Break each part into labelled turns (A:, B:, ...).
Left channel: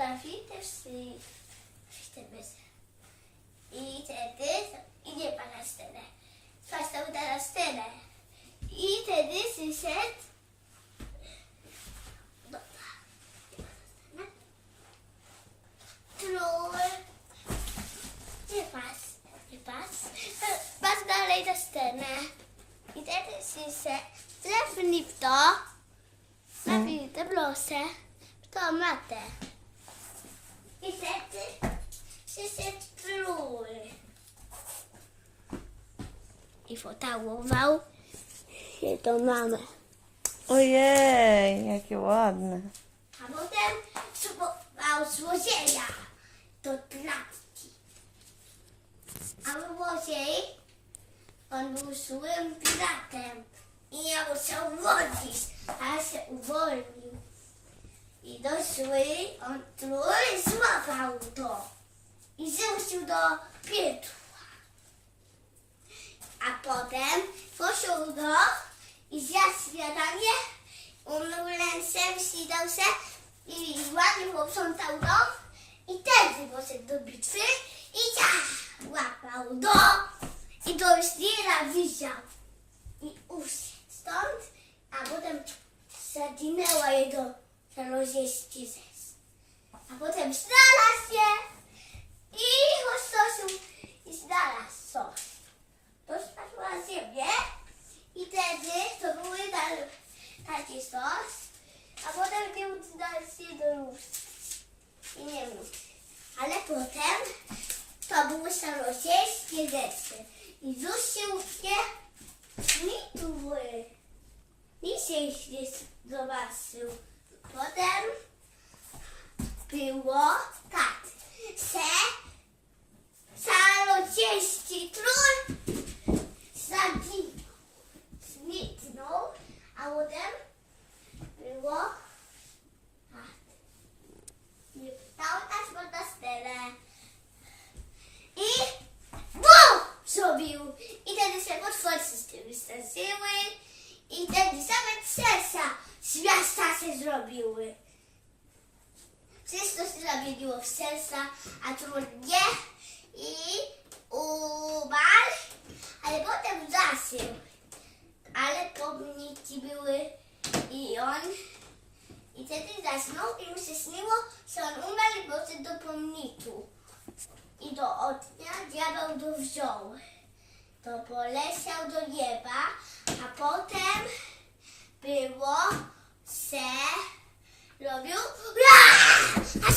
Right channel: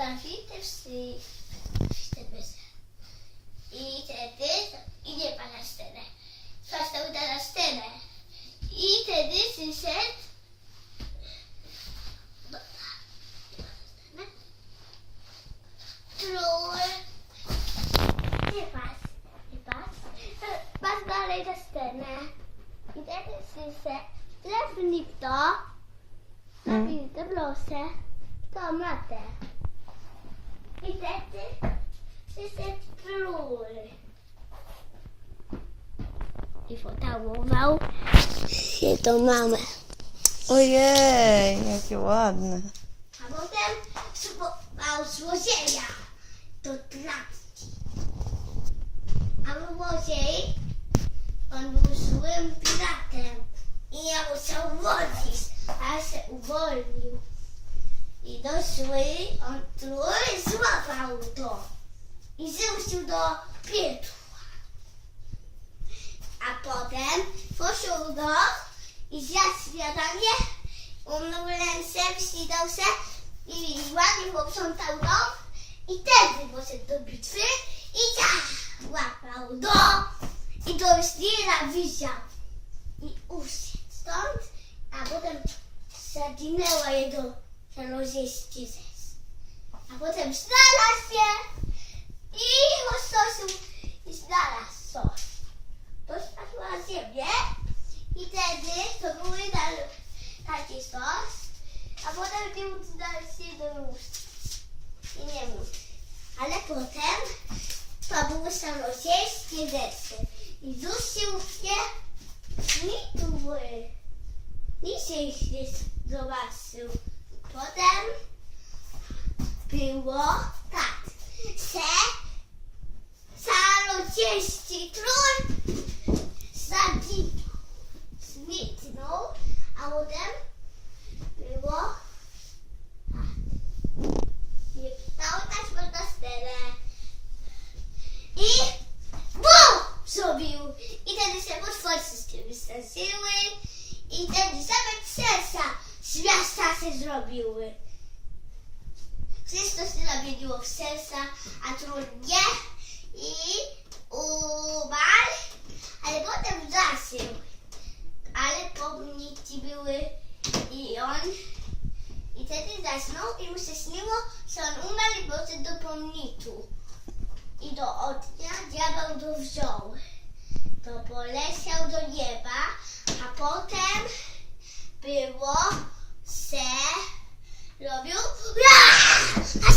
A: Stawi też si wtedy. I wtedy idzie pan na scenę. Został na scenę. I wtedy przyszedł. Dobra. Król. Nie pas. Nie pas. Pas dalej na scenę. I wtedy przyszedł. Trafili w to. Trafili te blosę. W to matę. I pocałował się do mamy.
B: Ojej, jakie ładne.
A: A potem spróbował złodzieja do klatki. A złodziej, on był złym piratem i nie musiał wodzić, a się uwolnił. I do zły on trój złapał to i zrzucił do pietła. A potem poszedł do i zjadł śniadanie, umył ręce, wślizgał się i ładnie posprzątał dom i wtedy poszedł do bitwy i tak łapał do i do ślira widział i usiadł stąd, a potem zaginęła jego żalozieści zes. A potem znalazł się i rozsosił i znalazł coś. To spadło na ziemię i wtedy to były dal, taki sos, a potem był dalszy do ust. I nie mógł. Ale potem to były szalosieńskie rzeczy. I dusił się mitły. I się nie zobaczył. Potem było tak. Se szalosieński król zaginął. Zniknął, a potem było tak. Nie stało taśmy na scenę. I BUM! Zrobił. I wtedy się potwory z tym. I wtedy same miasta zrobiły. Wszystko się zamieniło w serca, a król nie. I umarł, ale potem zasył. Ale pomniki były i on. I wtedy zasnął i mu się śniło, że on umarł i poszedł do pomniku. I do ognia diabeł go wziął. To poleciał do nieba, a potem było se robił Ra! a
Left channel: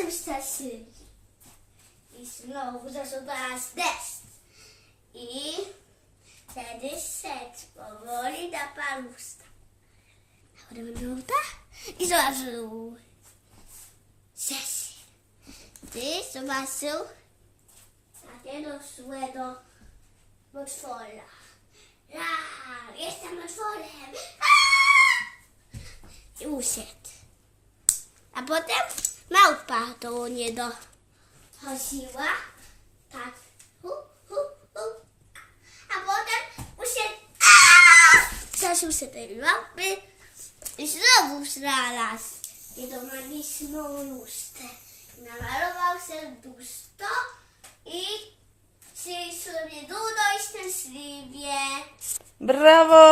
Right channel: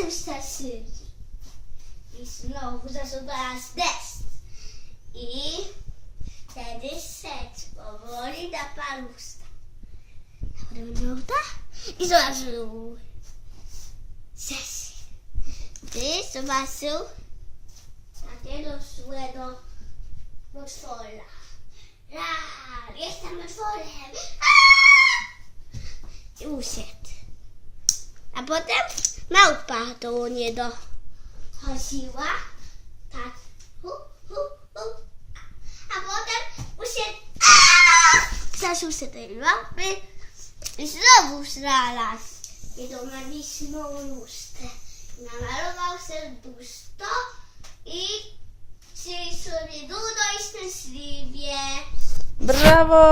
A: wszyscy się straszyli. I znowu zasuwała deszcz. I wtedy szedł powoli na palusta. A potem minuta i zobaczył sesję. Ty zobaczył takiego złego potwora. Ra, jestem potworem. Aaa! I usiadł. A potem małpa do niego chodziła. Tak. Hu, hu, hu. A potem usiadł. Zaszył się tej lampy i znowu znalazł jedną magiczną lustę. Namalował serduszko i żył sobie długo i szczęśliwie.
B: Brawo!